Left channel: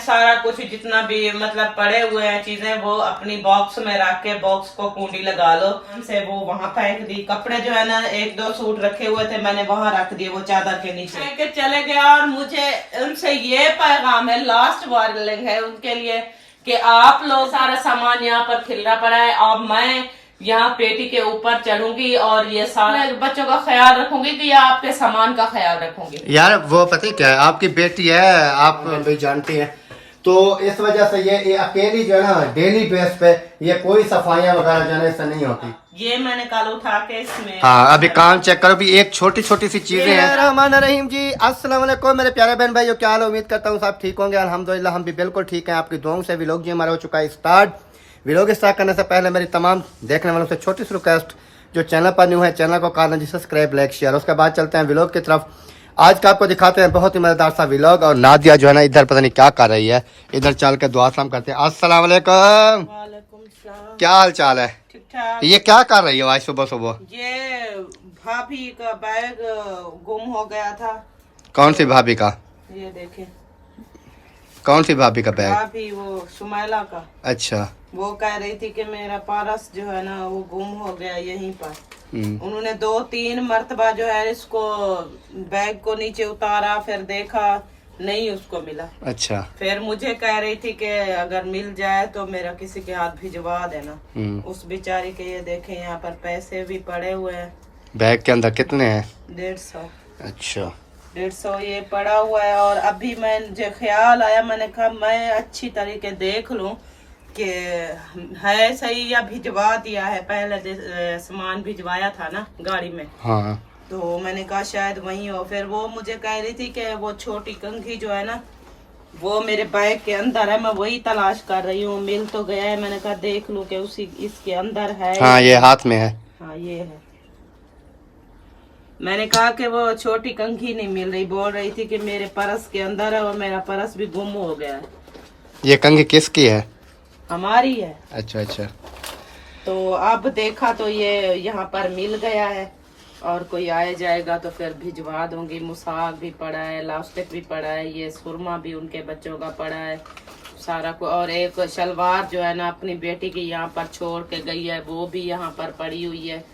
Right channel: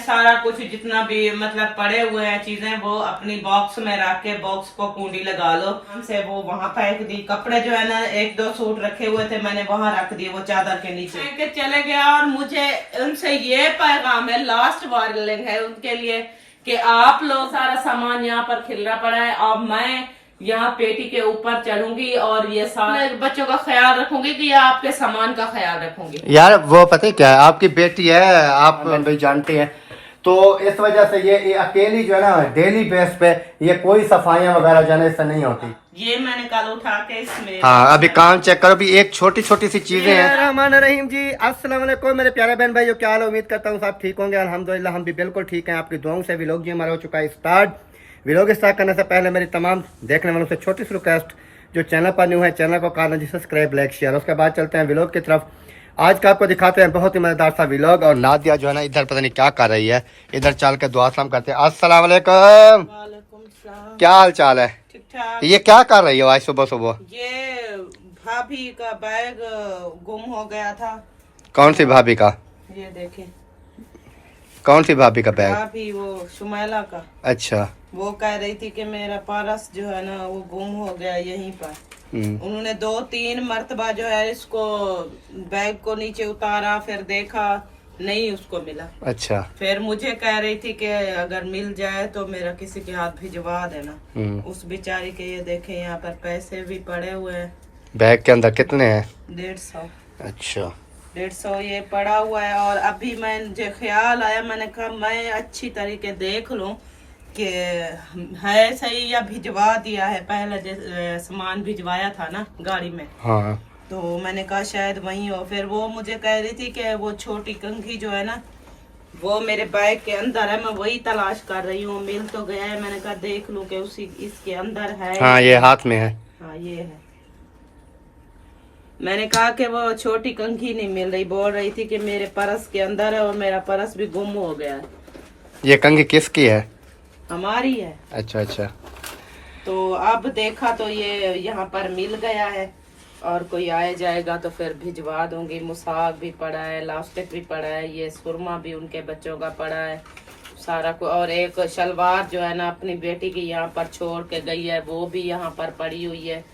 सारा कुछ जितना भी मतलब पड़े हुए हैं चीजें वो अपनी बॉक्स में रख के बॉक्स को कुंडी लगा लो से वो वहाँ फेंक दी। कपड़े जो है ना एक दो सूट रखे हुए थे मैंने वहाँ रख दिए वो चादर के नीचे के चले गया। और मुझे उनसे ये पैगाम है, लास्ट वार्निंग है उनके लिए कि आप लोग सारा सामान यहाँ पर खिलना पड़ा है। अब मैं यहाँ पेटी के ऊपर चढ़ूंगी और ये सारे बच्चों का ख्याल रखूंगी कि या आपके सामान का ख्याल रखूंगी। यार वो पता है क्या है, आपकी बेटी है, आप भाई जानते हैं, तो इस वजह से ये अकेली जो है ना डेली बेस पे ये कोई सफाइयाँ वगैरह जो है ना इससे नहीं होती। ये मैंने कल उठा के इसमें हाँ अभी काम चेक करो, भी एक छोटी छोटी सी चीजें हैं। रहमान रहीम जी, अस्सलाम वालेकुम मेरे प्यारे बहन भाइयों, क्या हाल है? उम्मीद करता हूँ सब ठीक होंगे। अल्हम्दुलिल्लाह हम भी बिल्कुल ठीक हैं। आपकी दुआओं से व्लॉग जी हमारा हो चुका है स्टार्ट। व्लॉग स्टार्ट करने से पहले मेरी तमाम देखने वालों से छोटी सी रिक्वेस्ट, जो चैनल पर न्यू है चैनल को कर लीजिए सब्सक्राइब, लाइक, शेयर। उसके बाद चलते हैं व्लॉग की तरफ। आज का आपको दिखाते हैं बहुत ही मजेदार सा व्लॉग। और नादिया जो है ना इधर पता नहीं क्या कर रही है, इधर चल के दुआ सलाम करते हैं। अस्सलाम वालेकुम, क्या हाल चाल है? ठीक ठाक। ये क्या कर रही हो आज सुबह सुबह? ये भाभी का बैग गुम हो गया था। कौन सी भाभी का? ये देखे, कौन सी भाभी का बैग? भाभी वो सुमैला का। अच्छा। वो कह रही थी कि मेरा पर्स जो है ना वो गुम हो गया यहीं पर। उन्होंने 2-3 मर्तबा जो है इसको बैग को नीचे उतारा, फिर देखा नहीं उसको मिला। अच्छा। फिर मुझे कह रही थी कि अगर मिल जाए तो मेरा किसी के हाथ भिजवा देना। उस बेचारी के ये देखे यहाँ पर पैसे भी पड़े हुए हैं। बैग के अंदर कितने हैं? 150। अच्छा 150 ये पड़ा हुआ है। और अभी मुझे ख्याल आया, मैंने कहा मैं अच्छी तरीके देख लूं कि है सही या भिजवा दिया है। पहले सामान भिजवाया था ना गाड़ी में। हाँ। तो मैंने कहा शायद वही हो। फिर वो मुझे कह रही थी कि वो छोटी कंघी जो है ना वो मेरे बैग के अंदर है, मैं वही तलाश कर रही हूँ। मिल तो गया है, मैंने कहा देख लूं कि उसी इसके अंदर है। हाँ ये हाथ में है। हाँ ये है। मैंने कहा कि वो छोटी कंघी नहीं मिल रही, बोल रही थी कि मेरे पर्स के अंदर है और मेरा पर्स भी गुम हो गया है। ये कंघी किसकी है? हमारी है। अच्छा अच्छा। तो अब देखा तो ये यहाँ पर मिल गया है और कोई आए जाएगा तो फिर भिजवा दूंगी। मुसाक भी पड़ा है, लास्टिक भी पड़ा है, ये सुरमा भी उनके बच्चों का पड़ा है सारा को। और एक शलवार जो है ना अपनी बेटी की यहाँ पर छोड़ के गई है, वो भी यहाँ पर पड़ी हुई है।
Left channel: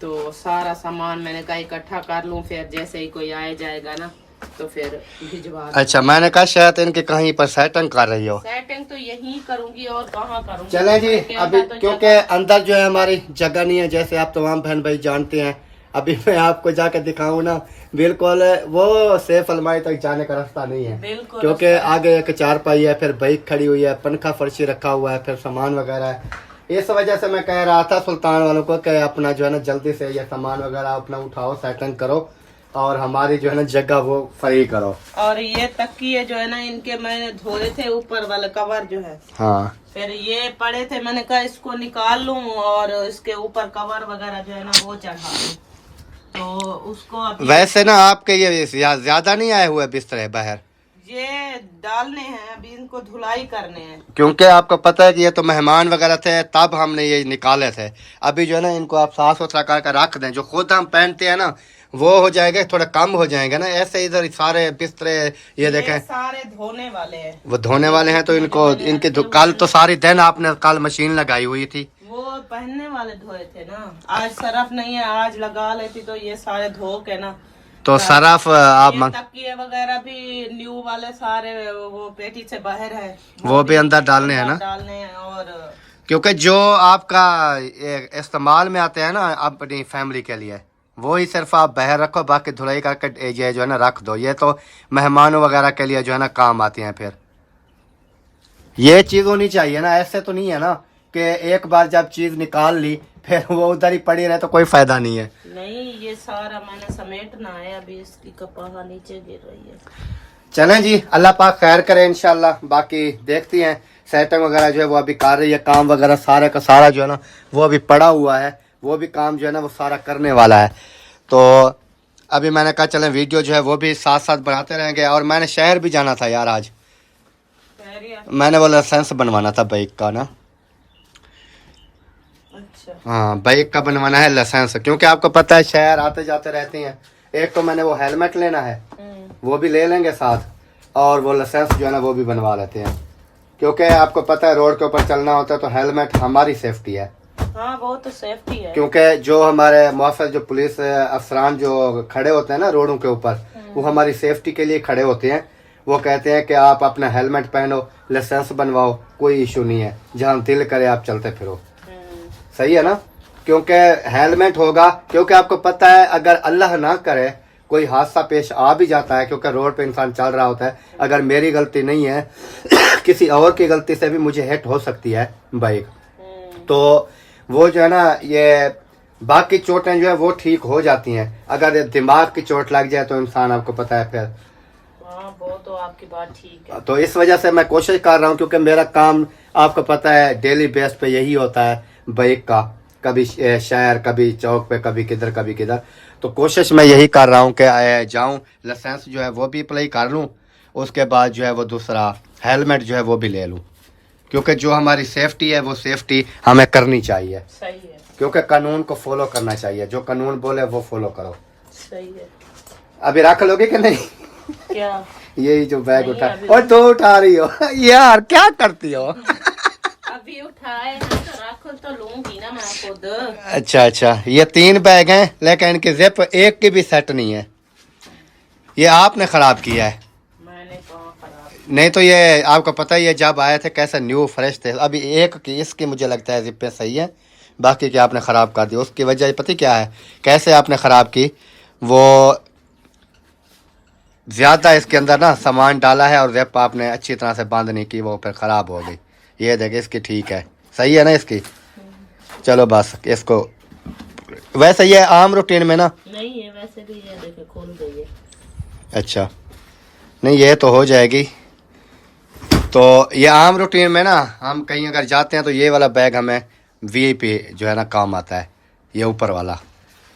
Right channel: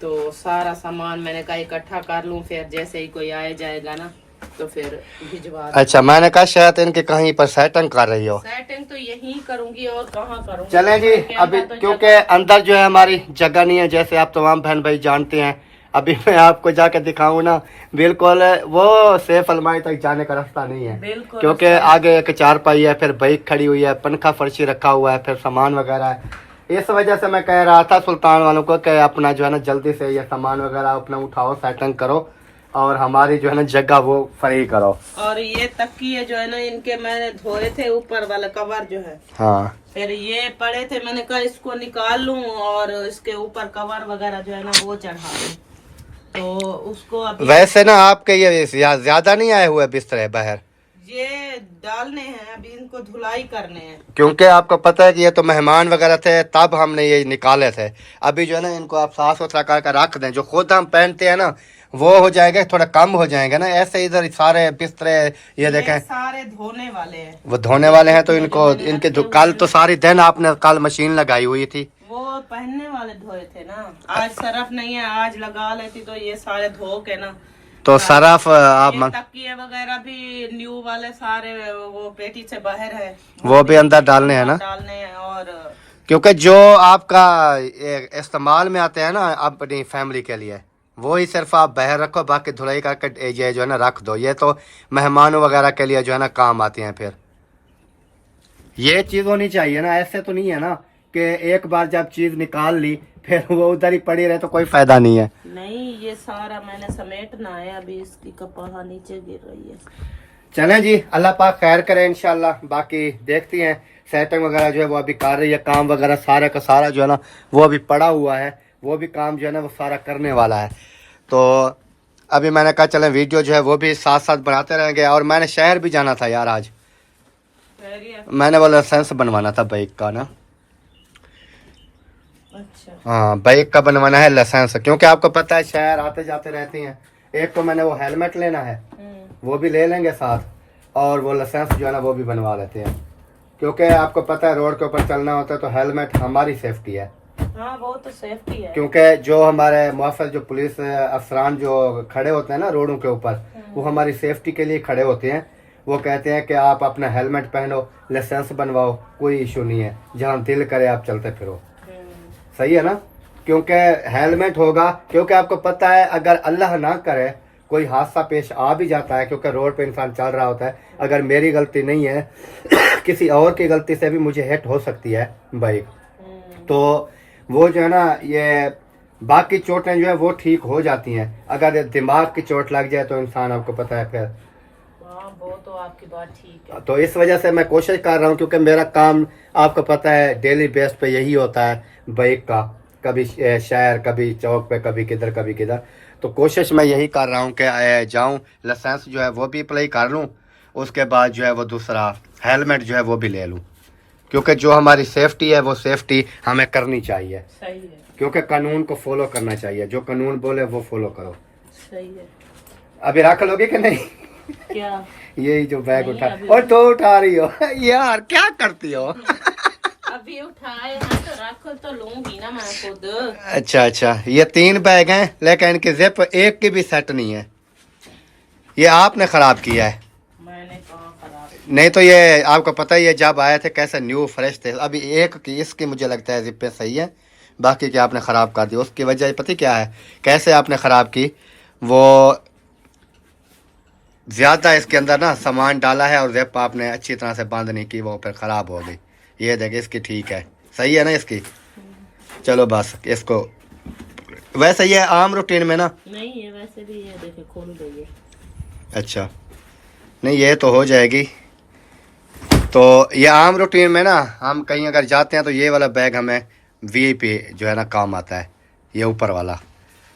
तो सारा सामान मैंने कहा इकट्ठा कर लूं, फिर जैसे ही कोई आए जाएगा ना तो फिर भिजवा। अच्छा मैंने कहा शायद इनके कहीं पर सेटिंग कर रही हो। सेटिंग तो यही करूंगी और कहाँ करूंगी। चलें जी अभी, तो क्योंकि अंदर जो है हमारी जगह नहीं है, जैसे आप तमाम बहन भाई जानते हैं। अभी मैं आपको जाके दिखाऊं ना, बिल्कुल वो सेफ अलमारी तक जाने का रास्ता नहीं है, क्योंकि आगे एक चारपाई है, फिर बाइक खड़ी हुई है, पंखा फर्शी रखा हुआ है, फिर सामान वगैरह है। इस वजह से मैं कह रहा था सुल्तान वालों को कि अपना जो है ना जल्दी से ये सामान वगैरह अपना उठाओ, सेटिंग करो और हमारी जो है ना जगह वो फ्री करो। और ये तकिए जो है ना इनके मैंने धोए थे, ऊपर वाला कवर जो है। हाँ। फिर ये पड़े थे, मैंने कहा इसको निकाल लूं और इसके ऊपर कवर वगैरह जो है ना वो चढ़ा दूं। तो उसको अभी वैसे ना आपके ये ज्यादा नहीं आए हुए बिस्तर बाहर? ये डालने हैं, अभी इनको धुलाई करने हैं। क्योंकि आपको पता है कि ये तो मेहमान वगैरह थे तब हमने ये निकाले थे। अभी जो है ना इनको आप साफ सुथरा करके रख दें, जो खुद हम पहनते हैं ना वो हो जाएगा, थोड़ा कम हो जाएगा ना। ऐसे इधर सारे बिस्तरे ये देखें सारे धोने वाले हैं। वो धोने वाले हैं, तो इनको इनके कल तो सारी दिन आपने कल मशीन लगाई हुई थी। वो पहनने वाले धोए थे ना, आज सरफ नहीं है, आज लगा लेती तो ये सारे धो के ना। तो सरफ आप तकिए वगैरह भी न्यू वाले सारे वो पेटी से बाहर है, वो भी अंदर डालने हैं ना, डालने हैं। और क्योंकि जो आपका इस्तेमाल में आते हैं ना अपनी फैमिली के लिए, वो ही सिर्फ आप बाहर रखो, बाकी धुलाई करके जो है ना रख दो। ये तो मेहमानों वगैरह के लिए जो है ना काम आती हैं। फिर ये चीज़ होनी चाहिए ना, ऐसे तो नहीं है ना कि एक बार जब चीज़ निकाल ली फिर वो उधर ही पड़ी रहे तो कोई फायदा नहीं है। नहीं ये सारा मैंने समेटना है, अभी इसकी कपड़ा नीचे गिर रही है। चलें जी, अल्लाह पाक खैर करे इंशाल्लाह। बाकी देखती हैं सेटिंग वगैरह जो है वो अभी कर रही है, काम वगैरह सारे का सारा जो है ना वो अभी पड़ा हुआ है, वो भी काम जो है ना वो सारा करने वाला है। तो अभी मैंने कहा चलें वीडियो जो है वो भी साथ साथ बनाते रहेंगे। और मैंने शहर भी जाना था यार आज, मैंने वो लाइसेंस बनवाना था बाइक का ना। अच्छा। हाँ बाइक का बनवाना है लाइसेंस, क्योंकि आपको पता है शहर आते जाते रहते हैं। एक तो मैंने वो हेलमेट लेना है, वो भी ले लेंगे साथ। और वो लाइसेंस जो है ना वो भी बनवा लेते हैं, क्योंकि आपको पता है रोड के ऊपर चलना होता है तो हेलमेट हमारी सेफ्टी है। हाँ वो तो सेफ्टी है, क्योंकि जो हमारे मुआफिल जो पुलिस अफसरान जो खड़े होते हैं ना रोडों के ऊपर, वो हमारी सेफ्टी के लिए खड़े होते हैं। वो कहते हैं कि आप अपना हेलमेट पहनो, लाइसेंस बनवाओ, कोई इशू नहीं है, जहाँ दिल करे आप चलते फिरो। सही है ना, क्योंकि हेलमेट होगा, क्योंकि आपको पता है अगर अल्लाह ना करे कोई हादसा पेश आ भी जाता है, क्योंकि रोड पे इंसान चल रहा होता है, अगर मेरी गलती नहीं है किसी और की गलती से भी मुझे हिट हो सकती है बाइक, तो वो जो है ना ये बाकी चोटें जो है वो ठीक हो जाती हैं। अगर दिमाग की चोट लग जाए तो इंसान आपको पता है फिर। हाँ वो तो आपकी बात ठीक है। तो इस वजह से मैं कोशिश कर रहा हूँ, क्योंकि मेरा काम आपको पता है डेली बेस पे यही होता है बाइक का, कभी शहर, कभी चौक पे, कभी किधर कभी किधर। तो कोशिश मैं यही कर रहा हूँ कि जाऊँ, लाइसेंस जो है वो भी अप्लाई कर लूँ, उसके बाद जो है वो दूसरा हेलमेट जो है वो भी ले लूँ, क्योंकि जो हमारी सेफ्टी है वो सेफ्टी हमें करनी चाहिए। सही है, क्योंकि कानून को फॉलो करना चाहिए, जो कानून बोले वो फॉलो करो। सही है। अभी रख लोगे कि नहीं? क्या यही जो बैग नहीं, उठा अभी और तो उठा रही हो यार, क्या करती हो? अभी उठाए हैं तो रख तो लूंगी ना मैं खुद। अच्छा अच्छा, ये 3 बैग हैं, लेकिन इनकी जिप एक की भी सेट नहीं है। ये आपने खराब किया है। मैंने कहाँ खराब? नहीं तो ये आपको पता ही है जब आए थे कैसे न्यू फ्रेश थे। अभी एक की इसकी मुझे लगता है जिप्पे सही है, बाकी की आपने ख़राब कर दी। उसकी वजह पता क्या है, कैसे आपने ख़राब की, वो ज़्यादा इसके अंदर ना सामान डाला है और जिप आपने अच्छी तरह से बंद नहीं की, वो फिर ख़राब हो गई। ये देखे इसकी ठीक है, सही है ना इसकी। चलो बस इसको, वैसे ये आम रूटीन में ना नहीं है, वैसे भी ये देखे खुल गई है। अच्छा नहीं, ये तो हो जाएगी। तो ये आम रूटीन में ना हम कहीं अगर जाते हैं तो ये वाला बैग हमें वीआईपी जो है ना काम आता है। ये ऊपर वाला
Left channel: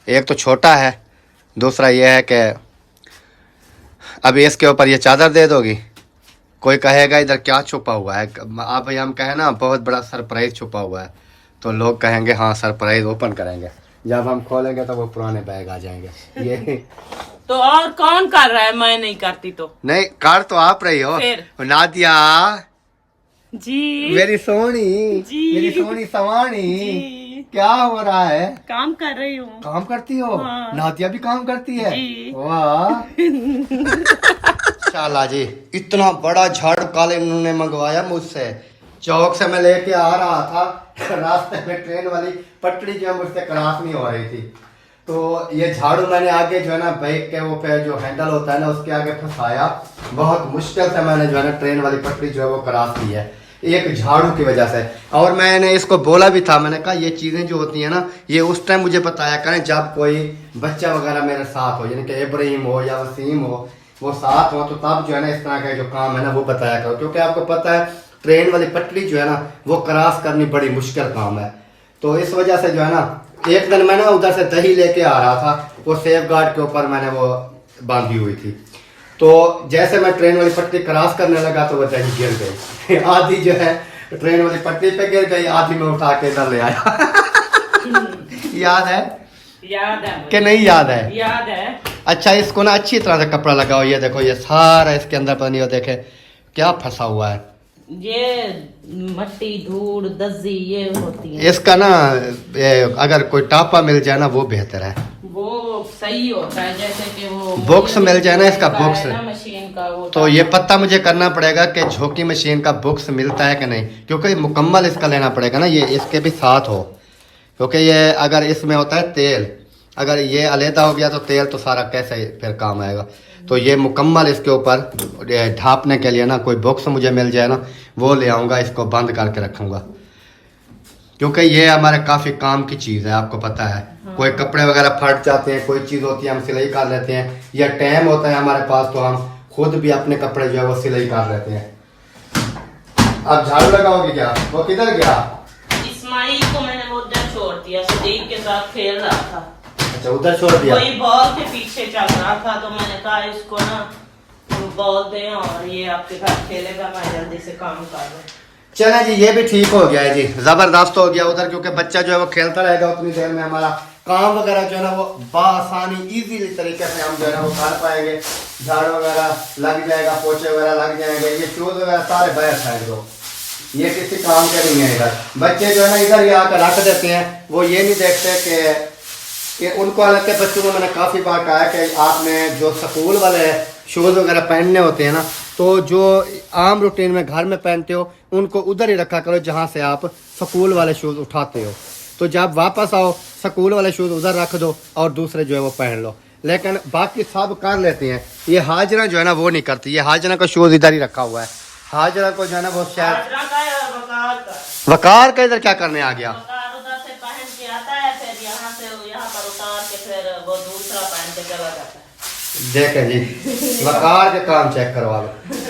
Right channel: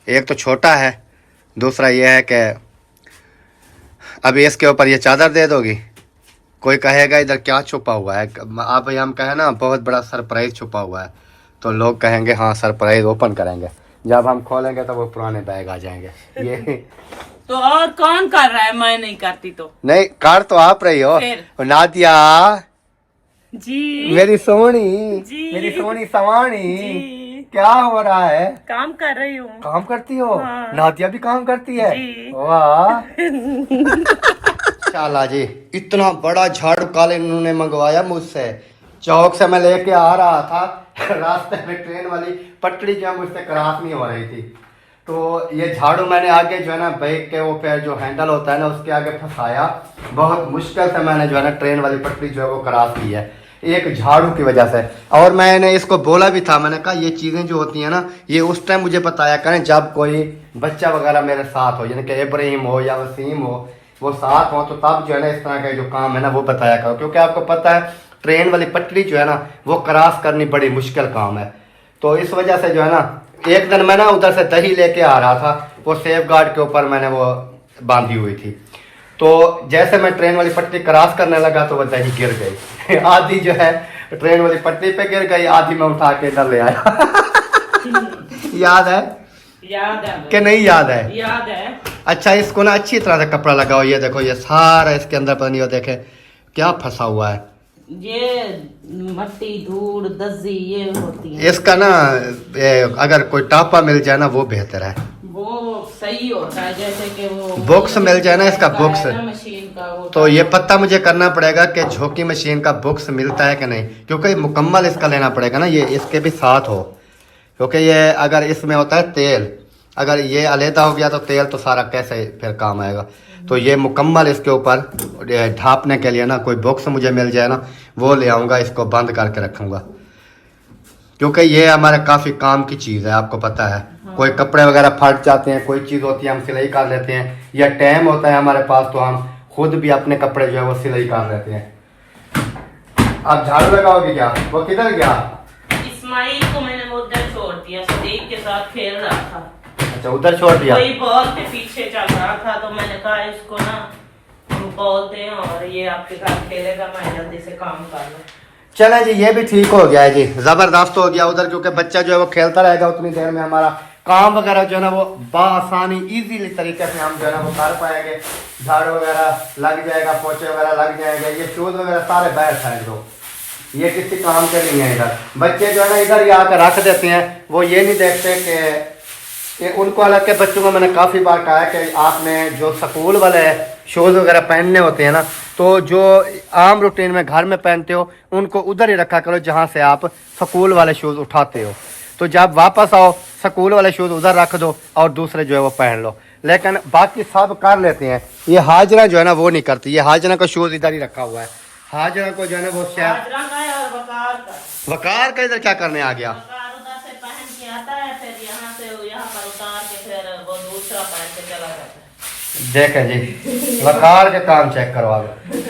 एक तो छोटा है, दूसरा ये है कि अभी इसके ऊपर ये चादर दे दोगी, कोई कहेगा इधर क्या छुपा हुआ है। आप भाई हम कहें ना बहुत बड़ा सरप्राइज छुपा हुआ है, तो लोग कहेंगे हाँ सरप्राइज ओपन करेंगे। जब हम खोलेंगे तो वो पुराने बैग आ जाएंगे। ये तो और कौन कर रहा है? मैं नहीं करती तो। नहीं, कार तो आप रही हो नादिया जी, मेरी सोनी जी, मेरी सोनी सवानी जी। क्या हो रहा है? काम कर रही हूँ। काम करती हो? हाँ। नादिया भी काम करती है? जी। वाह शाला जी, इतना बड़ा झाड़ू कल इन्होंने मंगवाया मुझसे। चौक से मैं लेके आ रहा था, रास्ते में ट्रेन वाली पटड़ी जो है मुझसे क्रॉस नहीं हो रही थी, तो ये झाड़ू मैंने आगे जो है ना बाइक के वो पे जो हैंडल होता है ना उसके आगे फंसाया। बहुत मुश्किल से मैंने जो है ना ट्रेन वाली पटड़ी जो है वो क्रॉस की है, एक झाड़ू की वजह से। और मैंने इसको बोला भी था, मैंने कहा ये चीज़ें जो होती हैं ना ये उस टाइम मुझे बताया करें जब कोई बच्चा वगैरह मेरे साथ हो, यानी कि इब्राहिम हो या वसीम हो, वो साथ हो, तो तब जो है ना इस तरह का जो काम है ना वो बताया करो। क्योंकि आपको पता है ट्रेन वाली पटड़ी जो है ना वो क्रॉस करनी बड़ी मुश्किल काम है। तो इस वजह से जो है ना एक दिन मैं ना उधर से दही लेके आ रहा था, वो सेफ गार्ड के ऊपर मैंने वो बांधी हुई थी, तो जैसे मैं ट्रेन वाली पट्टी क्रॉस करने लगा तो वो दही गिर गई। आधी जो है ट्रेन वाली पट्टी पे गिर गई, आधी मैं उठा के इधर ले आया। याद है? याद है कि नहीं याद है? याद है। अच्छा इसको ना अच्छी तरह से कपड़ा लगाओ। ये देखो ये सारा इसके अंदर पता नहीं हो देखे क्या फंसा हुआ है। ये मट्टी धूल दजी ये होती है। इसका ना अगर कोई टापा मिल जाए ना वो बेहतर है, वो सही होता है, जैसे कि वो बॉक्स मिल जाए ना इसका बॉक्स, मशीन का वो तो ये पता मुझे करना पड़ेगा कि झोंकी मशीन का बॉक्स मिलता है कि नहीं, क्योंकि मुकम्मल इसका लेना पड़ेगा ना, ये इसके भी साथ हो। क्योंकि ये अगर इसमें होता है तेल, अगर ये अलहदा हो गया तो तेल तो सारा कैसे फिर काम आएगा। तो ये मुकम्मल इसके ऊपर ढापने के लिए ना कोई बॉक्स मुझे मिल जाए ना वो ले आऊँगा, इसको बंद करके रखूँगा, क्योंकि ये हमारे काफ़ी काम की चीज़ है। आपको पता है कोई कपड़े वगैरह फट जाते हैं, कोई चीज़ होती है हम सिलाई कर लेते हैं, या टाइम होता है हमारे पास तो हम खुद भी अपने कपड़े जो है वो सिलाई कर लेते हैं। अब झाड़ू लगाओगे क्या? वो किधर गया? इस्माइल को मैंने वो उधर छोड़ दिया, सदीक के साथ खेल रहा था। अच्छा उधर छोड़ दिया? कोई बॉल के पीछे चल रहा था, तो मैंने कहा इसको ना बॉल दें और ये आपके घर खेलेगा, मैं जल्दी से काम कर लूं। चले जी, ये भी ठीक हो गया है जी, जबरदस्त हो गया उधर, क्योंकि बच्चा जो है वो खेलता रहेगा उतनी देर में हमारा काम वगैरह जो है ना वो बआसानी इजीली तरीके से हम जो है ना वो कर पाएंगे। झाड़ वगैरह लग जाएगा, पोछे वगैरह लग जाएंगे, ये शूज वगैरह सारे बाहर फेंक दो, ये किसी काम के नहीं है। इधर बच्चे जो है ना इधर ही आकर रख देते हैं, वो ये नहीं देखते कि उनको, हालांकि बच्चों को मैंने काफ़ी बार कहा कि आपने जो स्कूल वाले शूज़ वगैरह पहनने होते हैं ना, तो जो आम रूटीन में घर में पहनते हो उनको उधर ही रखा करो जहाँ से आप स्कूल वाले शूज़ उठाते हो। तो जब वापस आओ स्कूल वाले शूज़ उधर रख दो और दूसरे जो है वो पहन लो। लेकिन बाकी सब कर लेते हैं, ये हाजरा जो है ना वो नहीं करती। ये हाजरा का शूज़ इधर ही रखा हुआ है। हाजरा को जो है ना वो शायद वकार का इधर क्या करने आ गया। देखें जी, वकार के काम चेक करवा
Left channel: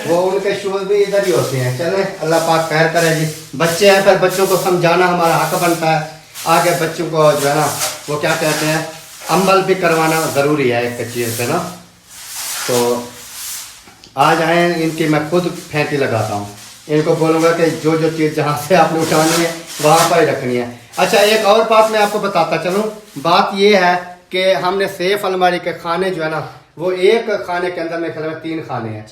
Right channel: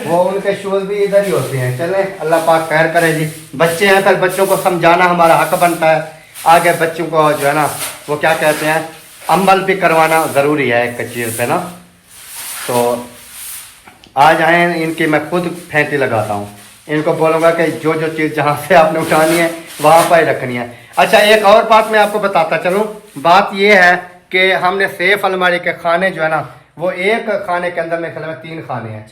वो उनके शूज भी इधर ही होते हैं। चले अल्लाह पाक खैर करे जी। बच्चे हैं, फिर बच्चों को समझाना हमारा हक बनता है। आगे बच्चों को जो है ना वो क्या कहते हैं, अमल भी करवाना ज़रूरी है एक चीज़ पे ना। तो आज आए इनकी मैं खुद फेंटी लगाता हूँ, इनको बोलूँगा कि जो जो चीज़ जहाँ से आपने उठानी है वहाँ पर ही रखनी है। अच्छा, एक और बात मैं आपको बताता चलूँ। बात ये है कि हमने सेफ अलमारी के खाने जो है ना वो एक खाने के अंदर मेरे ख्याल में 3 खाने हैं,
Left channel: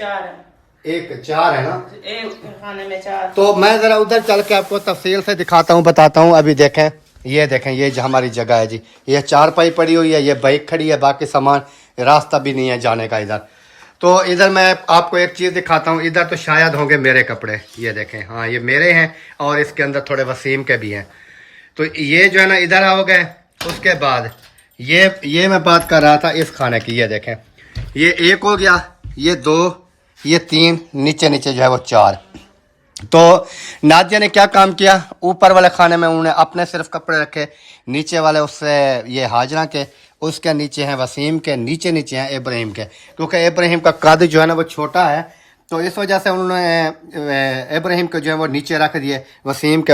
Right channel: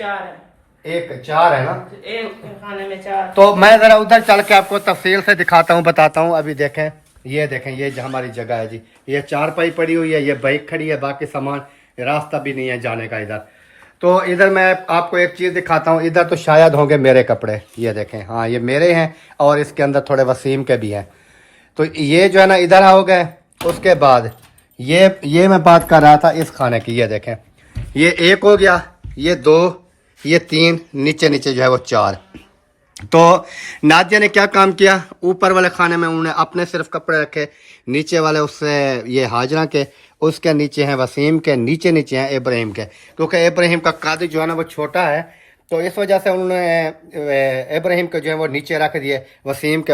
4 है ना, एक खाने में 4। तो मैं ज़रा उधर चल के आपको तफसील से दिखाता हूँ, बताता हूँ। अभी देखें, ये देखें, ये जो हमारी जगह है जी, ये 4 पाई पड़ी हुई है, ये बाइक खड़ी है, बाकी सामान, रास्ता भी नहीं है जाने का इधर। तो इधर मैं आपको एक चीज़ दिखाता हूँ। इधर तो शायद होंगे मेरे कपड़े, ये देखें, हाँ ये मेरे हैं और इसके अंदर थोड़े वसीम के भी हैं। तो ये जो है ना इधर हो गए। उसके बाद ये मैं बात कर रहा था इस खाने की, ये देखें, ये 1 हो गया, ये 2, ये 3, नीचे नीचे जो है वो 4। तो नादिया ने क्या काम किया, ऊपर वाले खाने में उन्होंने अपने सिर्फ कपड़े रखे, नीचे वाले उससे ये हाजरा के, उसके नीचे हैं वसीम के, नीचे नीचे हैं इब्राहिम के। क्योंकि इब्राहिम का कद जो है ना वो छोटा है, तो इस वजह से उन्होंने इब्राहिम को जो है वो नीचे रख दिए, वसीम के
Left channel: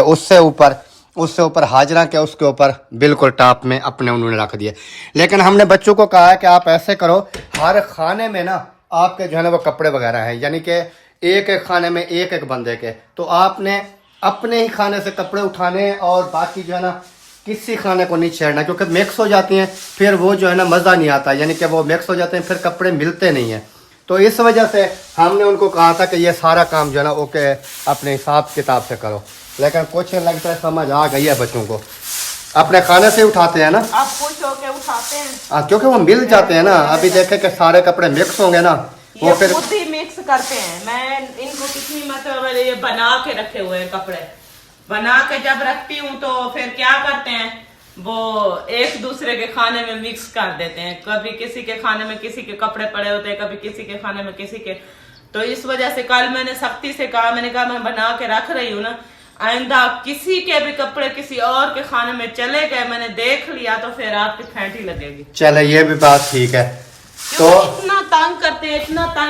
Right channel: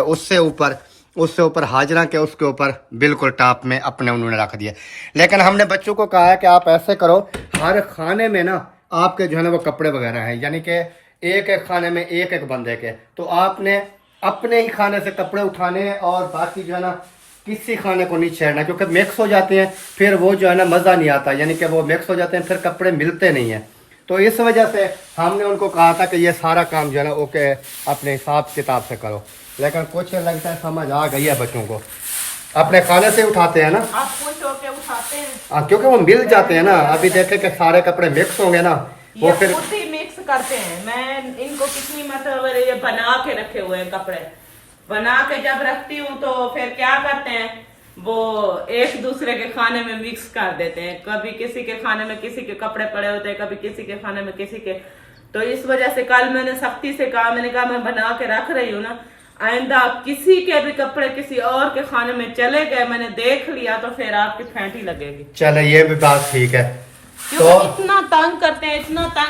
उससे ऊपर हाजरा के, उसके ऊपर बिल्कुल टॉप में अपने उन्होंने रख दिए। लेकिन हमने बच्चों को कहा है कि आप ऐसे करो, हर खाने में ना आपके जो है ना वो कपड़े वगैरह हैं, यानी कि एक एक खाने में एक एक बंदे के, तो आपने अपने ही खाने से कपड़े उठाने और बाकी जो है ना किसी खाने को नहीं छेड़ना, क्योंकि मिक्स हो जाते हैं, फिर वो जो है ना मज़ा नहीं आता, यानी कि वो मिक्स हो जाते हैं, फिर कपड़े मिलते नहीं हैं। तो इस वजह से हमने उनको कहा था कि ये सारा काम जो है ना ओके अपने हिसाब किताब से करो। लेकिन कुछ लगता है समझ आ गई है बच्चों को, अपने खाने से उठाते हैं ना, आप खुश होके उठाते हैं, क्योंकि वो मिल जाते हैं ना। अभी देखे कि सारे कपड़े मिक्स होंगे ना, वो फिर खुद ही मिक्स करते हैं। मैं इनको कितनी मतलब ये बना के रखे हुए हैं कपड़े, बना के जब रखती हूँ तो फिर क्या करते हैं, वो एक दूसरे के खाने में मिक्स कर देते हैं। कभी किसी के खाने में किसी के कपड़े पड़े होते हैं, कभी किसी के खाने में किसी के। तो इस वजह से कल मैंने सख्ती से कहा, मैंने कहा मैं बना के रख रही हूँ ना, आइंदा किसी के भी कपड़े किसी और के खाने में चले गए, मैंने देख लिया तो फिर आपकी फेंटी लगेगी। चले, ये भी बात ठीक है। तो इतना तंग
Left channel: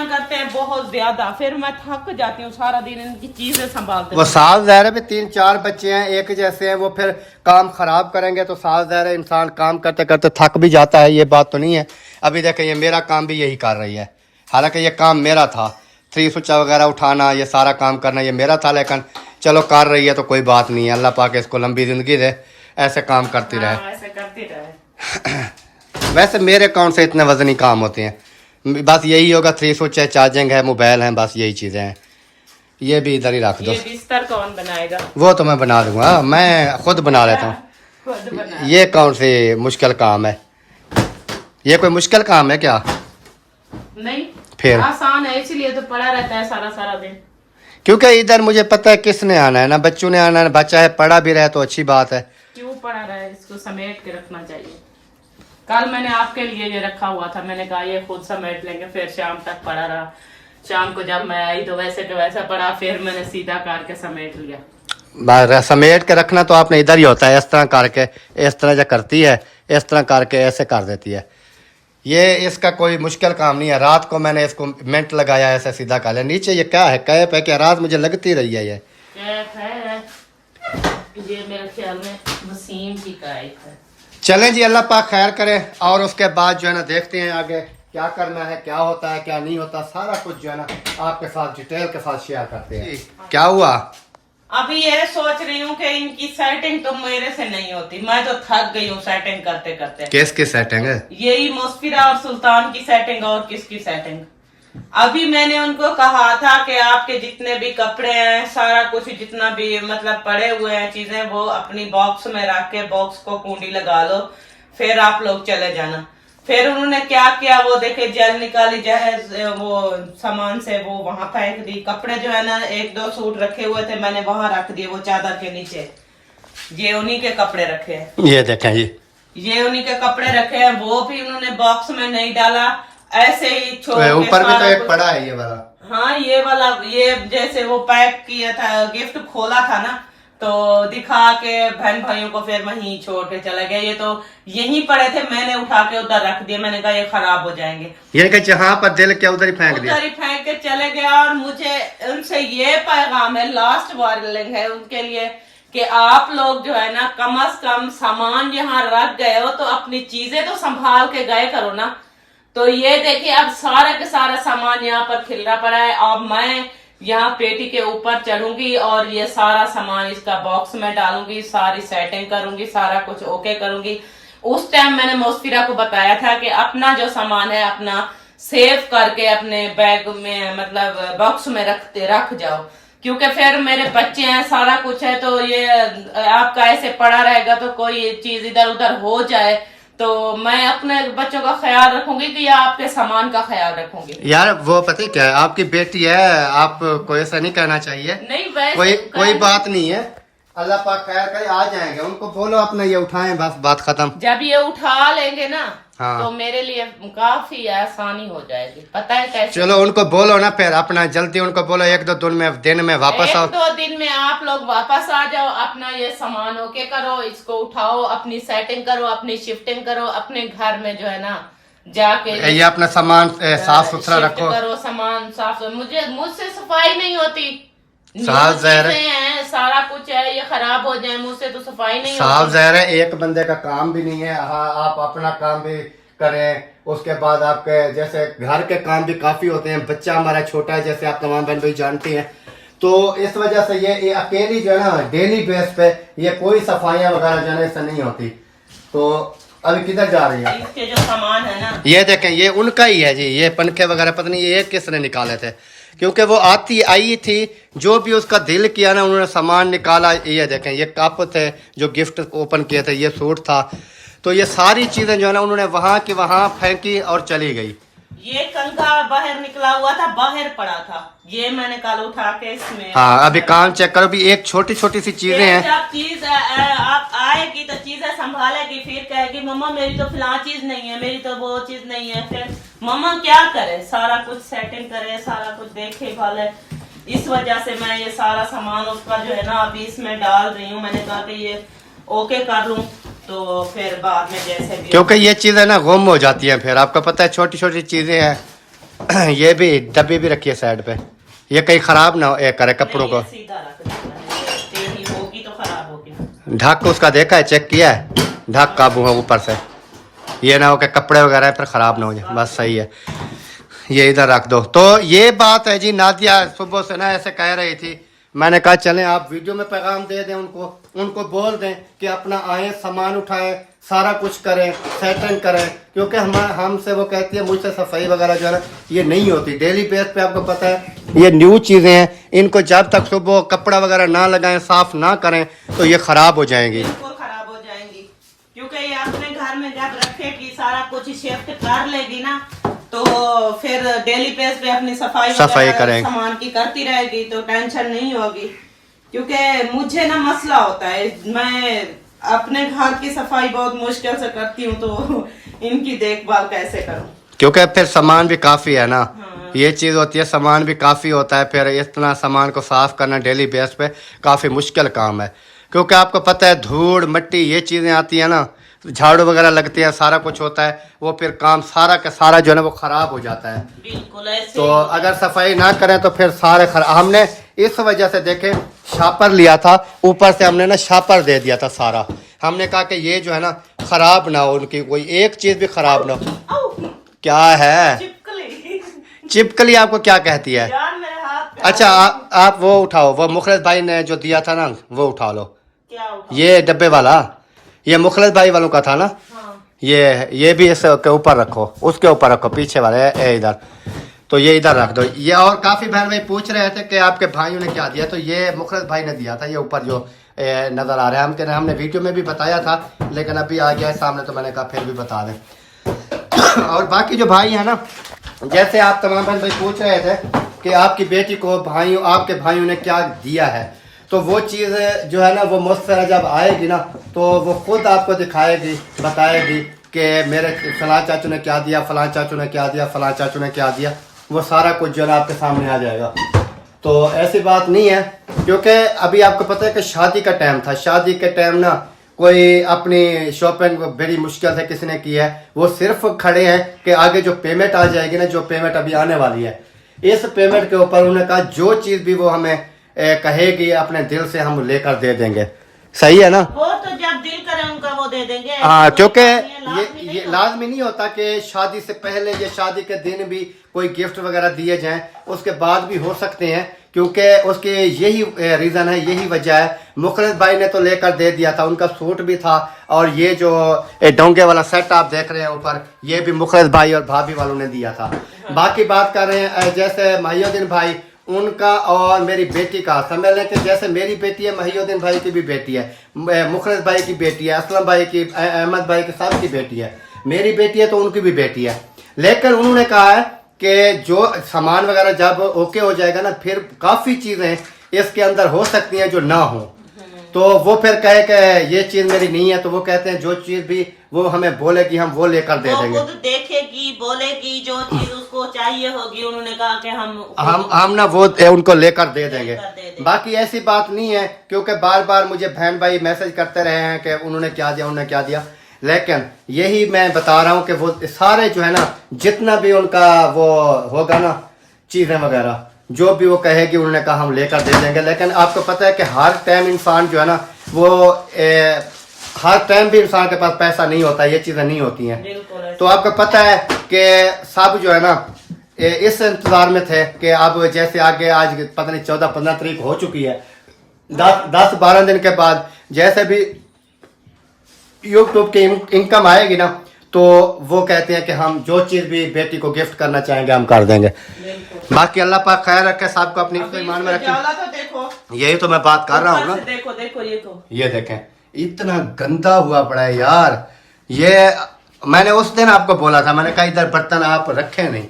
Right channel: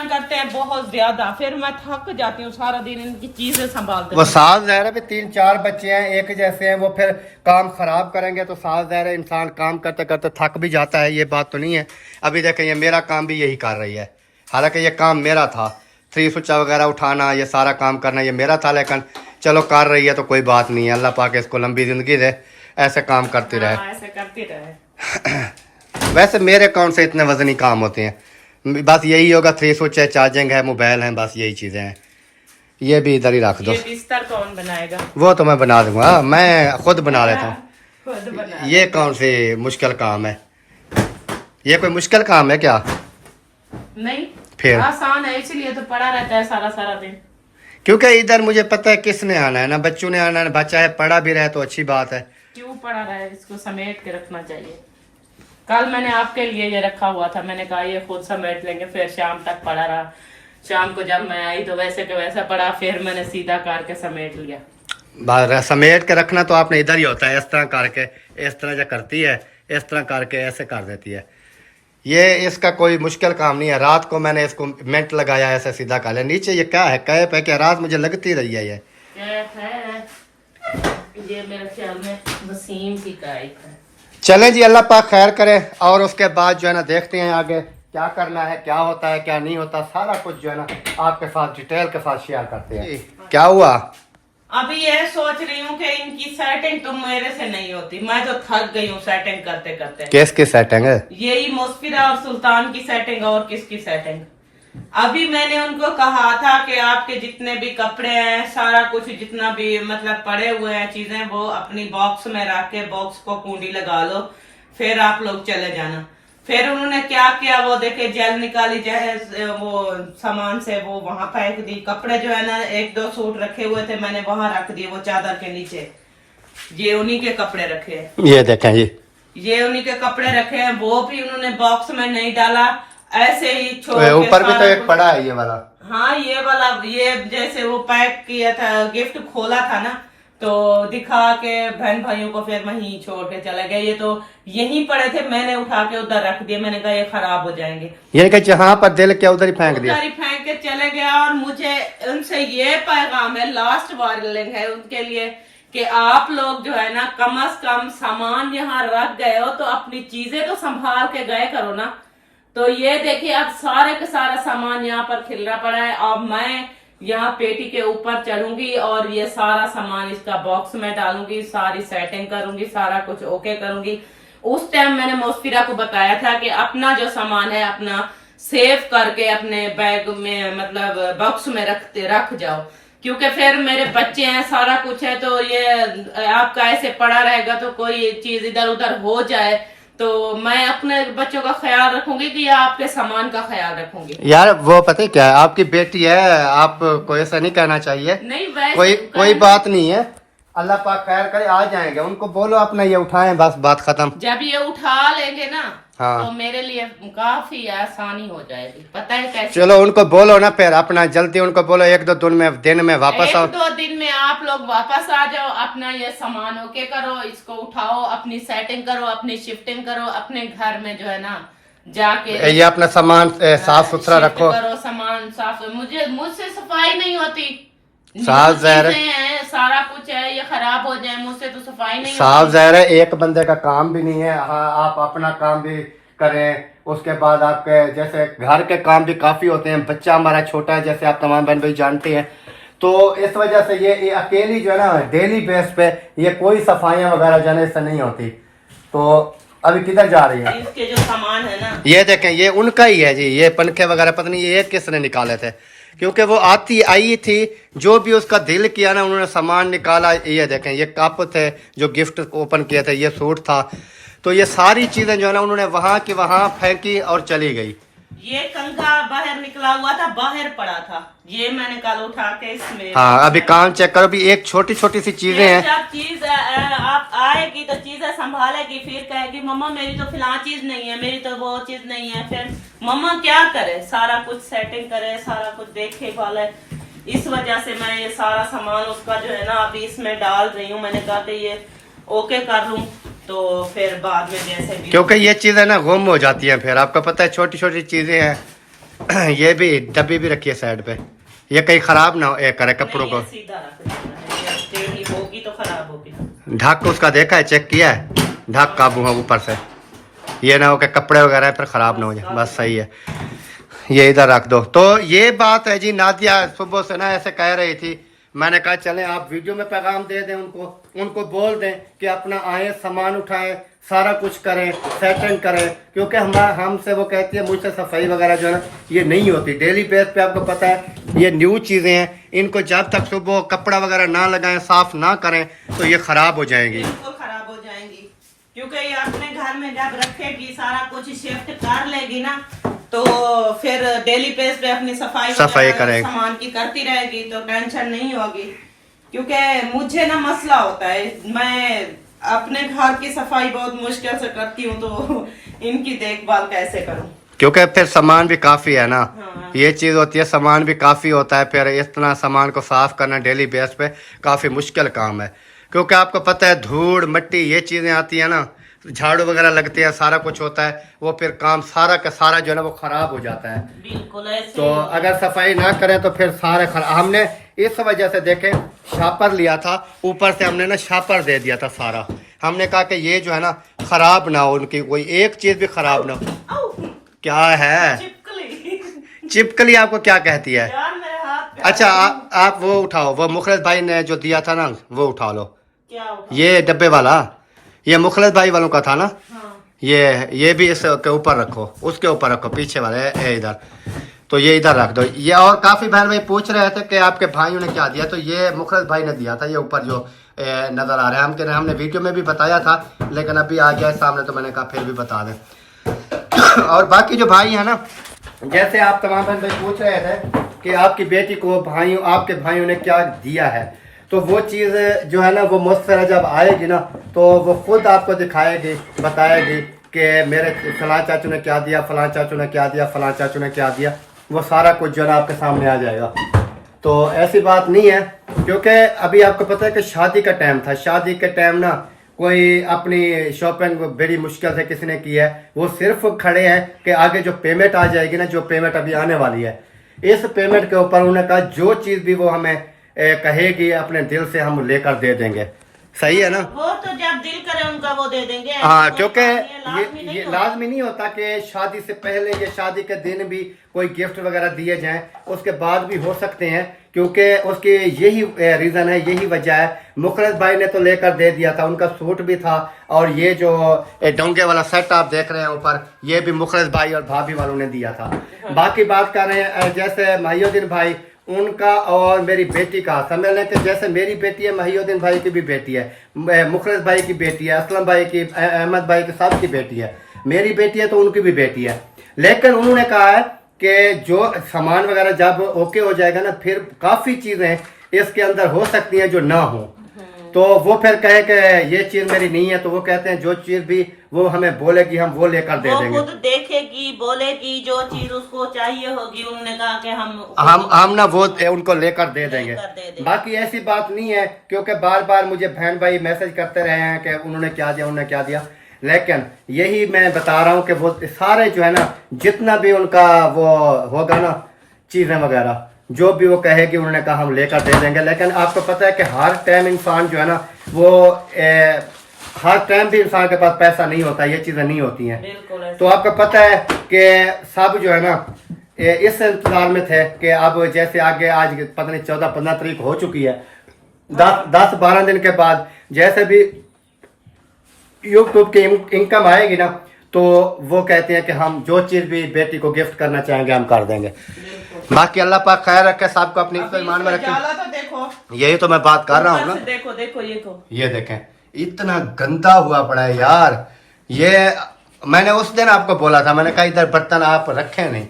करते हैं बहुत ज्यादा, फिर मैं थक जाती हूँ सारा दिन इनकी चीजें संभालते। वो साफ ज़ाहिर है भी 3-4 बच्चे हैं एक जैसे हैं, वो फिर काम खराब करेंगे तो साफ ज़ाहिर है इंसान काम करते करते थक भी जाता है, ये बात तो नहीं है। अभी देखें, ये मेरा काम भी यही कर रही है, हालांकि ये काम मेरा था, 3 स्विच वगैरह उठाना, ये सारा काम करना ये मेरा था, लेकिन चलो कर रही है तो कोई बात नहीं है। अल्लाह पाक इसको लंबी ज़िंदगी दे, ऐसे काम करती रहे। ऐसे करती रहे। वैसे मेरे अकाउंट से इतने वजनी काम होते हैं, बस यही होगा, 3 स्विच है, चार्जिंग है, मोबाइल है, बस यही चीज़ें हैं। ये भी इधर ही रख दो। ये बिस्तर कौन बनाएगा? वो तो मैं बना दूंगा, मैं खुद बना लेता हूँ। ये कौन से मुश्किल काम है, ये कोई मुश्किल काम है क्या? नहीं, फिर आसान है, इसीलिए तो पड़ा रहता है सारा सारा दिन। क्योंकि इधर मुझे पता है किसने आना है ना, बच्चों ने आना है, बच्चा है पढ़ा भी रहे तो अच्छी बात है। क्यों पड़ा रहा है, इसको समेट के रखना चाहिए। कल मैंने आपके लिए ये रखा हुआ था, मैंने कहा ये खुद समेट लेंगे, फिर शाम तक पड़ा रहा। शाम को जब मैं आई तो वैसे के वैसा पड़ा, फिर मैंने सीधा करके समेट लिया। समेट के रखना तो आपने इधर ही होता है, इस तरह करके, इस तरह जो करती है, इस तरह करके ऐसे कर देती है। ये इसका कोई मुश्किल काम नहीं है। रात को मैंने इसको मिनट लगाया, ऐसे सीधा कर लिया। नीचे ये क्या है, कैप है क्या? रात मुझे लगती रही है ये कैप है, ये मेरे ख्याल में वसीम की कैप है। चलें जी, अल्लाह पाक खैर करे। और उसके बाद जो है ना देखते हैं आगे क्या करना है, क्या होता है क्या नहीं होता, सारा कुछ जो है ना आपके साथ डिटेल के साथ शेयर करते हैं। क्या हुआ? अभी ये सोच रही हूँ कि इनकी सेटिंग तो मेरे से नहीं होती, मैं तो थक गई हूँ सेटिंग करते करते। किसकी सेटिंग है? यही मुस्फिरा और सुल्तान की सेटिंग, और किसकी सेटिंग। अभी मैंने उनको कहा था कि आपके जितने भी कपड़े हैं, सारा कुछ जितना भी मतलब पड़े हुए हैं चीजें, वो अपनी बॉक्स में रख के बॉक्स को कुंडी लगा लो, फिर आप लोग चले जाना। फिर उन्होंने क्या किया, वो देखे जेल निकाली जाए वो सामान से, वो वहां फेंक दी। कपड़े जो है ना, एक दो सूट रखे हुए थे, मैंने वहां रख दिए वो चादर के नीचे। ये उन्हीं के कपड़े रखे हैं, ये देखें ये उन्हीं के कपड़े रखे हैं। वो भी उन्होंने बॉक्स में नहीं डाला, ऐसे ही छोड़ के। ऊपर भी तो एक पड़ा है ये वाला। हाँ ये वाला, ये जैसे वो पैक किया था, गिफ्ट खोला था ना, तो दिखा के बहन भाइयों को फिर वहीं छोड़ के चले गए। ये तो यहीं पड़े थे, मैंने उठा के उधर रख दिए। मैंने कहा ये खराब हो जाएंगे, यानी कि जहाँ पर दिल के उधर ही फेंक दिया, उधर ही फेंक के चले गया। और मुझे उनसे ये पैगाम है, लास्ट वार्निंग है उनके लिए, कि आप लोग जो है ना, कम से कम सामान यहाँ रख गए हो तो अपनी चीजें तो संभाल के गए करो ना। तो ये देखिए, अब सारे के सारा सामान यहाँ पर खिलरा पड़ा है। अब मैं यहाँ पेटी के ऊपर चढ़ूंगी और ये सारा सामान इसका बॉक्स में डालूंगी, सारी सेटिंग करूंगी, सारा कुछ ओके करूंगी। उस टाइम मैंने मुस्फिरा को बताया था कि अपना जो सामान है अपना सेव करके अपने बैग में, मतलब बॉक्स में रख जाओ, क्योंकि फिर मेरे बच्चे हैं, सारा कुछ है, तो ये आपका ऐसे पड़ा रहेगा तो कोई चीज इधर उधर हो जाए, तो मैं अपने बच्चों का ख्याल रखूंगी कि या आपके सामान का ख्याल रखूंगी। यार वो पता है क्या है, आपकी बेटी है, आप को ऐसा नहीं कहना चाहिए। नहीं, वैसे कोई बात नहीं है, अल्लाह पाक खैर करे, आ जाएंगे। उनको बोलो अपना ये उठाएं, बस बात खत्म। जब ये उठा लेंगे ना, हाँ, तो मेरे लिए काफी आसानी हो जाएगी। पता है कैसे? चलो उनको बोलो ना, फिर अपना जल्दी उनको बोलो, एक दो दिन में वापस आओ। 1-2 दिन में आप लोग वापस आ जाओ, अपना ये सामान ओके करो, इसको उठाओ, अपनी सेटिंग करो, अपनी शिफ्टिंग करो, अपने घर में जो है ना जाके ये अपना सामान साफ सुथरा शिफ्ट रखो। करो, सामान साफ। मुझसे सफाई नहीं होती, साफ ज़ाहिर है, सारा कुछ है, ये खराब हो जाए, मुझसे तो सफाई नहीं साफ होती। ज़ाहिर है, एक बंदे का काम भी नहीं है। हाँ, आप अपना काम भी करें, उसके बाद आपके जैसे घर के काम भी काफी होते हैं। बच्चा हमारा छोटा है, जैसे आप तमाम बहन भाई जानते हैं, तो इस वजह से ये अकेली जो है ना, डेली बेस पे ये कोई सफाइयाँ वगैरह जाने से नहीं होती। तो अभी किधर जा रही है? इसके जो सामान है ना, ये देखें, ये उनका ही है जी। ये पंखे वगैरह पता नहीं ये किसने निकाले थे, क्योंकि वो आई थी, जो भी उसका दिल किया ना, उन्होंने सामान निकाला। ये देखें, ये कप थे जो गिफ्ट ओपन किए थे, ये सूट था, तो ये सारी चीजें जो है ना उन्होंने वहां की वहां फेंकी और चली गई। ये कंघा बाहर निकला हुआ था, बाहर पड़ा था, ये मैंने कल उठा के इसमें। हाँ, अभी काम चेक करो, भी एक छोटी छोटी सी चीजें हैं। जब चीज आप आएगी तो चीजें संभालेगी, फिर कहेगी मम्मा मेरी तो फिलहाल चीज नहीं है, मेरी तो वो चीज नहीं है। फिर मम्मा क्या करे, सारा कुछ सेटिंग करे, सारा कुछ देखे भाले। इस वजह से मैं ये सारा सामान उसका जो है ना अभी इसमें डाल रही हूँ। मैंने कहा कि ये ओके कर लूं, तो फिर बाद में जैसे भी, क्योंकि ये चीजें ना गुम हो जाती हैं। फिर आपको पता है, छोटी छोटी चीजें हैं। ये भी डब्बी भी रखी है साइड पे, ये कहीं खराब ना करे कपड़ों को। सीधा रख देना, होगी तो खराब होगी। ढक उसका देखा है, चेक किया है, ढक काबू है ऊपर से, ये ना हो कि कपड़े वगैरह फिर खराब ना हो जाए। बस सही है, ये इधर रख दो। तो ये बात है जी। नादिया सुबह से ना ऐसे कह रही थी, मैंने कहा चलें आप वीडियो में पैगाम दे दें उनको बोल दें कि अपना आए, सामान उठाएं, सारा कुछ करें, सेटिंग करें, क्योंकि हमसे वो कहती है, मुझसे सफाई वगैरह जो है ना ये नहीं होती। डेली बेस पे आपको पता है ये न्यू चीज़ें हैं, इनको जब तक सुबह कपड़ा वगैरह ना लगाएं, साफ ना करें, तो ये ख़राब हो जाएंगी। बिल्कुल खराब हो जाएंगी, क्योंकि ये अपने घर में जब रखेगी, सारा कुछ शिफ्ट कर लेगी ना, तो फिर डेली बेस पे अपनी सफाई करें, सामान की करती रहेगी, तो टेंशन नहीं होगी। क्योंकि मुझे ना मसला होता है, मैं अपने घर की सफाई बहुत मुश्किल से करती हूँ, तो इनकी देखभाल कैसे करूँ, क्योंकि फिर सामान भी काफ़ी है ना। हाँ। ये चीज़ होती है, सामान भी काफ़ी होता है, फिर इतना सामान को साफ करना डेली बेस पे काफ़ी मुश्किल काम है। क्योंकि आपको पता है धूड़ मिट्टी ये चीज़ें आती है ना, झाड़ू वगैरह लगती है, सारा कुछ होता है, वो फिर काम सारा का सारा जो है ना वो खराब हो जाता है। बिल्कुल ऐसे। तो अगर सफाई ना करें तो फिर सारे हमने इस वजह से देखे शापर लिया था, ऊपर से हमने ना शापर दे दिया था सारा। हमने कहा कि ये जो है ना खराब ना हो, उनकी कोई एक चीज भी खराब ना हो। क्या है चिपकली? चिपकली आपको क्या कहती है? यार मेरे हाथ अच्छा आप वो उठाओ, वो मुखलिस भाई ने जो दिया था ना वो उठा लो। क्या उठा? ये डब्बे वाला, ये मुखलिस भाई वालों का था ना। हाँ। ये भी इसके ऊपर रखो, उसके ऊपर रखो, पीछे वाले इधर। तो ये इधर रख दो। ये और काफी बहन भाई पूछ रहे थे कि आपके भाइयों ने क्या दिया, तो ये मुखलिस भाई ने दिया था। ये ऊपर जो नजर आ रहा है, हमने वीडियो में भी बताया था, लेकिन अभी आ गया है सामने तो मैंने कहा फिर भी बता दें। और बाकी जो भाई है ना, जैसे आप तमाम बहन भाई पूछ रहे थे कि आपकी बेटी को आपके भाइयों ने क्या दिया है, तो वो चीज़ जो है ना वो मुस्तफ़ा जब आएगी ना तो वो खुद आपको दिखाएगी, बताएगी कि मेरे फलां चाचू ने क्या दिया, फलां चाचू ने क्या दिया, फलां चाचू ने क्या दिया। वो सारा कुछ जो है ना आपके सामने आ जाएगा। तो ऐसी बात नहीं है, क्योंकि अभी आपको पता है कि शादी का टाइम था। शादी के टाइम ना कोई अपनी शॉपिंग बड़ी मुश्किल से किसी ने की है, वो सिर्फ खड़े हैं कि आगे जो पेमेंट आ जाएगी ना, जो पेमेंट अभी आने वाली है, इस पेमेंट के ऊपर उन्होंने कहा जो चीज़ भी वो हमें कहेगी अपने दिल से हम लेकर दे देंगे। सही है ना? वो तो जब दिल करे उनका वो दे देंगे। हाँ, क्योंकि ये लाजमी नहीं होता कि शादी से पहले या शादी के दिन भी कोई गिफ्ट वगैरह दिए जाएं, उसके बाद भी हो सकते हैं, क्योंकि उसके यही रीज़न है, यही वजह है। मुखलिस भाई ने तो लेकर दे दिया था, उनका सूट भी था, और ये जो डोंगे वाला सेट आप देख रहे हैं ऊपर, ये भी मुखलिस भाई और भाभी वालों ने दिया था। बाकी बात कर रहे हैं जैसे महिउद्दीन भाई, उनका और मेरी बेटी का समझ लें कि जैसे मेरी बेटी है, महिउद्दीन भाई की भी बेटी है, मुखलिस भाई की बेटी है, असलम भाई की, अहमद भाई की, सब की बेटी है। मेरी बेटी है तो उनकी भी बेटी है। लेकिन उन्होंने कहा है कि जो सामान वगैरह जब ओके हो जाएगा ना, फिर काफ़ी चीज़ें इसके अंदर हो सकती हैं जो ना हो। तो वो फिर कहे कि ये चीज़ मेरी नहीं है, तो वो कहते हैं जो चीज़ भी वो हमें बोलेगी हम वो लेकर दे देंगे। वो देखेगी, बोलेगी, जो चीज उसको चाहिए होगी, उन्होंने कहा कि हम ना वो उनको लेकर दे देंगे। बाकी ऐसी बात नहीं है, क्योंकि बार बार मुझे बहन भाई मैसेज करते रहे हैं कि उन्होंने क्या दिया, उन्होंने क्या दिया। लेकिन यही मैं बता रहा हूँ कि वो सारे जो है ना, जितना भी उनका वो होगा ना, चीज़ें वगैरह जो भी वो कहेगी, उन्होंने कहा हम लेकर दे देंगे। लेकिन आपको पता है कि हर टाइम इंसान जो है ना वो हर टाइम भी इंसान के पास पैसा नहीं होता, ये चीज़ें नहीं होती हैं। तो आपको पता है कि सब जो है ना इस इंतजार में थे कि अब जैसे आगे आज पता नहीं 14-15 तारीख हो चुकी है, 10-12 दिन के बाद जैसे भी यूट्यूब की इनकम आएगी ना, तो वो कहते हैं कि हम जो चीज़ भी बेटी को गिफ्ट करना चाहेंगे हम कर देंगे। बाकी अल्लाह पाक खैर रखे, सबको अपनी ईमान में रखे। तो देखो, यही तो मैं बात कर रहा हूँ ना। देखो देखो, ये देखें इतना गंदा हुआ पड़ा है यार। ये मैंने उस दिन आपको बोला था, मैंने कहा इधर बर्तन आप रखे नहीं,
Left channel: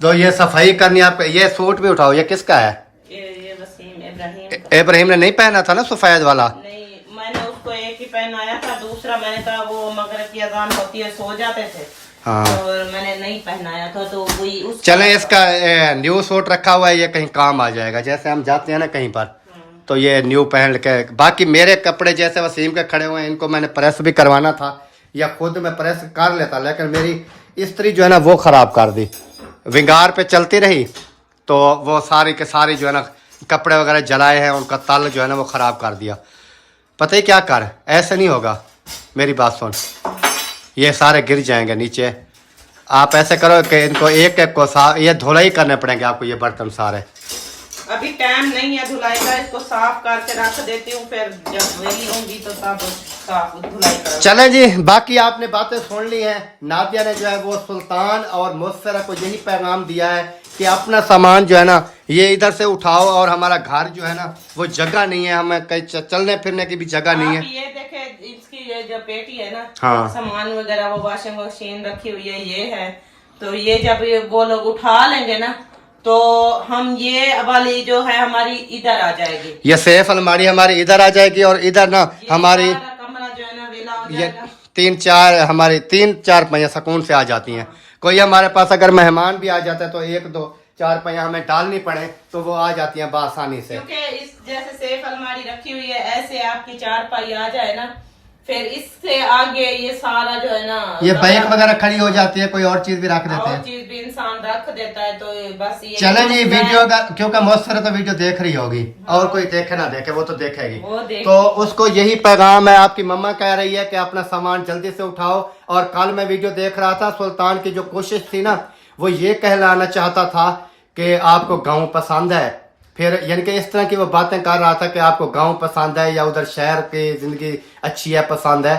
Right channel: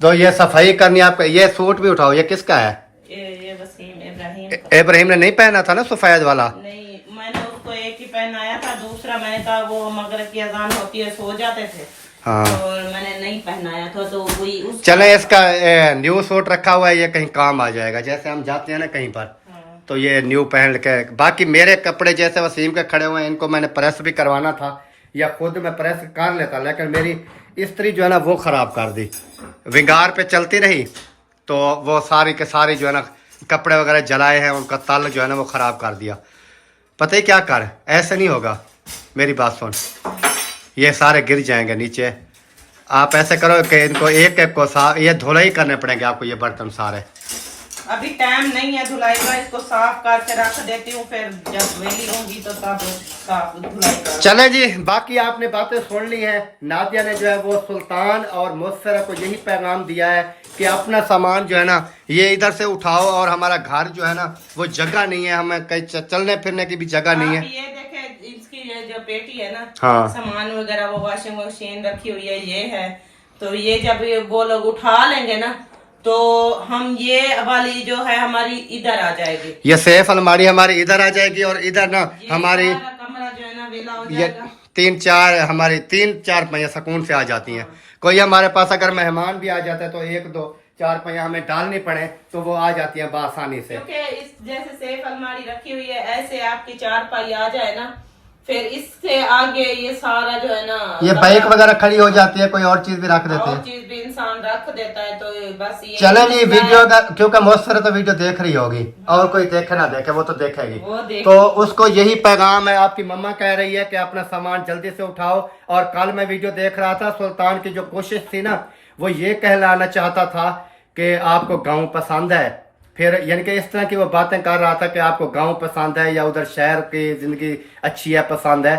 तो ये सफाई करनी आपको। ये सूट भी उठाओ, ये किसका है? ये वसीम इब्राहिम ने नहीं पहना था ना सफेद वाला? नहीं, मैंने उसको एक ही पहनाया था, दूसरा मैंने कहा वो मगरिब की अजान होती है सो जाते थे। हाँ, और मैंने नहीं पहनाया था, तो वही चले इसका न्यू सूट रखा हुआ है, ये कहीं काम आ जाएगा। जैसे हम जाते हैं ना कहीं पर, तो ये न्यू पहन के। बाकी मेरे कपड़े जैसे वसीम के खड़े हुए हैं, इनको मैंने प्रेस भी करवाना था, या खुद मैं प्रेस कर लेता, लेकिन मेरी इस्त्री जो है ना वो ख़राब कर दी। विंगार पे चलती रही तो वो सारी के सारी जो है ना कपड़े वगैरह जलाए हैं, उनका तल जो है ना वो ख़राब कर दिया। पता ही क्या कर, ऐसे नहीं होगा, मेरी बात सुन, ये सारे गिर जाएंगे नीचे। आप ऐसे करो कि इनको एक एक को साफ, ये धुलाई करने पड़ेंगे आपको, ये बर्तन सारे। अभी टाइम नहीं है धुलाई का, इसको साफ करके रख देती हूँ, फिर जब वेली होंगी तो तब साफ धुलाई करूँ। चले जी, बाकी आपने बातें सुन ली हैं। नादिया ने जो है वो सुल्तान और मुस्फरा को यही पैगाम दिया है कि अपना सामान जो है ना ये इधर से उठाओ, और हमारा घर जो है ना वो जगह नहीं है, हमें कहीं चलने फिरने की भी जगह नहीं है। ये देखे इसकी जो पेटी है ना, हाँ, सामान वगैरह वो वॉशिंग मशीन रखी हुई है, ये है। तो ये जब वो लोग उठा लेंगे ना, तो हम ये वाली जो है हमारी इधर आ जाएगी, ये सेफ अलमारी हमारी इधर आ जाएगी, और इधर ना हमारी कमरा जो है ना वेला हो ये जाएगा। हमारी 3-4 पहिया सुकून से आ जाती हैं। कोई हमारे पास अगर मेहमान भी आ जाता है तो 1-2-4 पहिया हमें डालनी पड़े तो वो आ जाती हैं बआसानी से। क्योंकि इस जैसे सेफ अलमारी रखी हुई है, ऐसे आपकी 4 पाई आ जाए ना, फिर इससे आगे ये सारा जो है ना, ये बाइक वगैरह खड़ी हो जाती है, कोई और चीज भी रख देते हैं, और चीज भी इंसान रख देता है। तो बस ये चले जी, वीडियो का क्योंकि मुस्फरा तो वीडियो देख रही होगी, और कोई देखे ना देखे वो तो देखेगी, तो उसको यही पैगाम है। आपकी मम्मा कह रही है कि अपना सामान जल्दी से उठाओ। और कल मैं वीडियो देख रहा था, सुल्तान की जो कोशिश थी ना, वो ये कहलाना चाहता था कि आपको गाँव पसंद है, फिर यानी कि इस तरह की वो बातें कर रहा था कि आपको गांव पसंद है या उधर शहर की जिंदगी अच्छी है, पसंद है।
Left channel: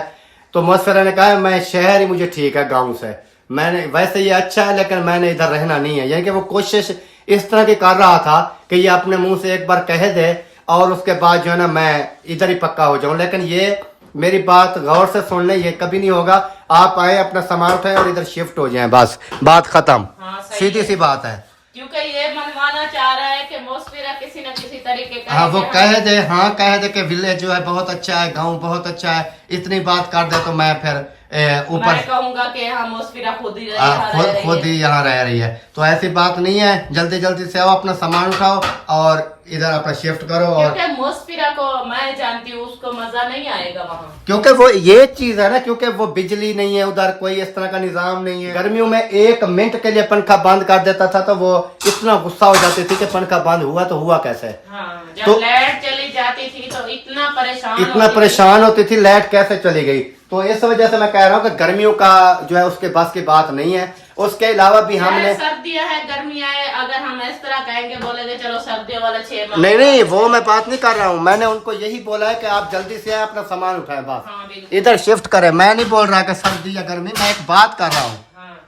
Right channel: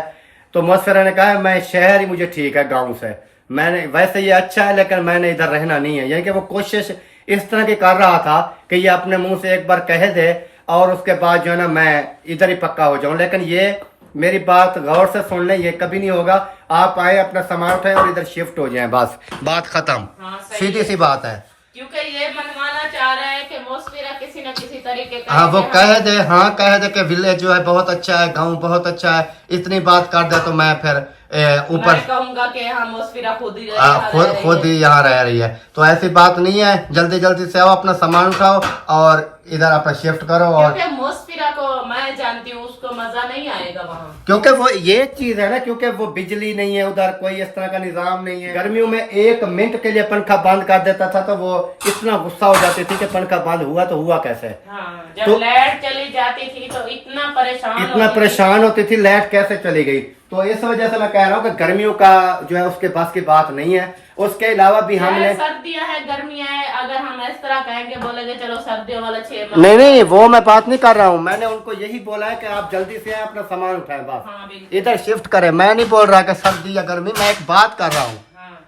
तो मुअस्सरा ने कहा मैं शहर ही मुझे ठीक है गांव से, मैंने वैसे ये अच्छा है लेकिन मैंने इधर रहना नहीं है। यानी कि वो कोशिश इस तरह की कर रहा था कि ये अपने मुंह से एक बार कह दे और उसके बाद जो है ना मैं इधर ही पक्का हो जाऊं। लेकिन ये मेरी बात गौर से सुन ले, ये कभी नहीं होगा। आप आए, अपना सामान उठाए और इधर शिफ्ट हो जाएं, बस बात खत्म। हाँ, सही सीधी सी बात है। क्योंकि ये मनवाना चाह रहा है कि मुस्फिरा किसी न किसी तरीके का हाँ वो कह दे, हाँ कह दे कि विलेज जो है बहुत अच्छा है, गांव बहुत अच्छा है, इतनी बात कर दे तो मैं फिर ऊपर मैं कहूंगा कि हाँ मुस्फिरा खुद ही खुद ही यहाँ रह रही है। तो ऐसी बात नहीं है, जल्दी जल्दी से आओ, अपना सामान उठाओ और इधर अपना शिफ्ट करो। और क्योंकि मुस्फिरा को मैं जानती हूँ, उसको मजा नहीं आएगा वहाँ, क्योंकि वो ये चीज है ना, क्योंकि वो बिजली नहीं है उधर, कोई इस तरह का निजाम नहीं है। गर्मियों में 1 मिनट के लिए पंखा बंद कर देता था तो वो इतना गुस्सा हो जाती थी कि पंखा बंद हुआ तो हुआ कैसे। हाँ, जब तो लाइट चली जाती थी तो इतना परेशान होती थी, लाइट कैसे चली गई। तो इस वजह से मैं कह रहा हूँ कि गर्मियों का जो है उसके बस की बात नहीं है। उसके अलावा भी हमने सर्दियां है गर्मियां है, अगर हम इस तरह कहेंगे बोलेंगे चलो सर्दियों वाले 6 नहीं वो मैं बात नहीं कर रहा हूँ। मैंने उनको यही बोला है कि आप जल्दी से अपना सामान उठाए, बस हाँ, इधर शिफ्ट करें। मैं नहीं बोल रहा कि सर्दी या गर्मी, मैं एक बात कर रहा हूँ हाँ।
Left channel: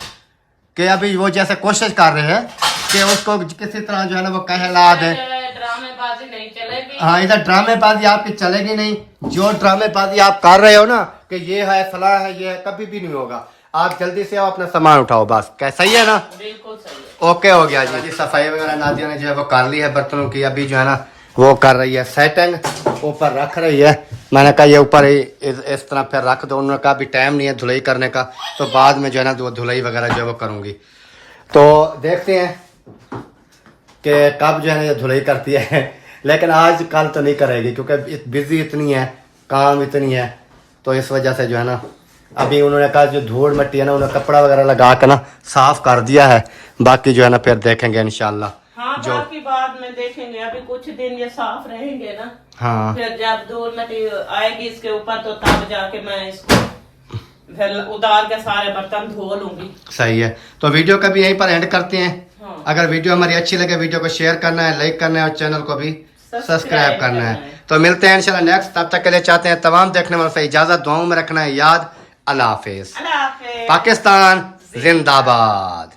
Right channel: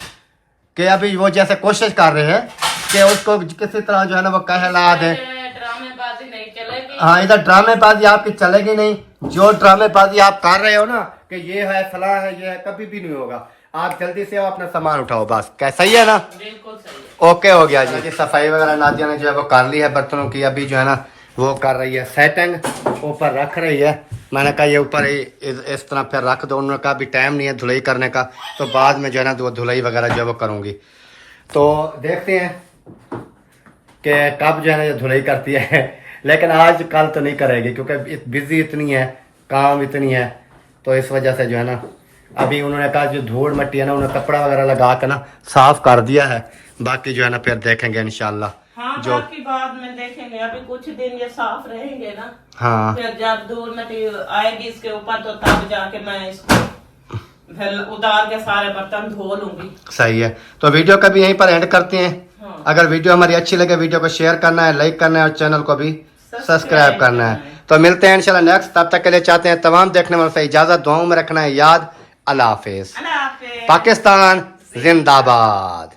कि अभी वो जैसे कोशिश कर रहे हैं कि उसको किसी तरह जो है ना वो कहला दे। ड्रामेबाजी नहीं चलेगी। हाँ, इधर ड्रामेबाजी आपकी चलेगी नहीं। जो ड्रामेबाजी आप कर रहे हो ना कि ये है फला है, ये है, कभी भी नहीं होगा। आप जल्दी से आओ, अपना सामान उठाओ, बस। क्या सही है ना? बिल्कुल सही है। ओके हो गया जी। सफाई वगैरह नादिया ने जो है वो कर ली है बर्तनों की। अभी जो है ना वो कर रही है सेटिंग, ऊपर रख रही है। मैंने कहा ये ऊपर ही इस तरह फिर रख दो। उन्होंने कहा अभी टाइम नहीं है धुलाई करने का, तो बाद में जो है ना वो धुलाई वगैरह जो है वो करूँगी। तो देखते हैं कि कब जो है ना ये धुलाई करती है। लेकिन आज कल तो नहीं करेगी क्योंकि बिजी इतनी है, काम इतनी है, तो इस वजह से जो है ना अभी उन्होंने कहा जो धूल मिट्टी है ना उन्होंने कपड़ा वगैरह लगा के ना साफ कर दिया है। बाकी जो है ना फिर देखेंगे इंशाल्लाह। हाँ, जो बाकी बाद में देखेंगे, अभी कुछ दिन ये साफ रहेंगे ना। हाँ फिर जब धूल मिट्टी आएगी इसके ऊपर तो तब जाके मैं इसको फिर उतार के सारे बर्तन धो लूंगी। सही है। तो वीडियो का भी यहीं पर एंड करते हैं। हाँ। अगर वीडियो हमारी अच्छी लगे वीडियो को शेयर करना है, लाइक करना है और चैनल को भी सब्सक्राइब करना है। तो मिलते हैं इंशाल्लाह नेक्स्ट। तब तक के लिए चाहते हैं तमाम देखने वालों से इजाजत, दुआओं में रखना है याद। अल्लाह हाफिज। पाकिस्तान जिंदाबाद।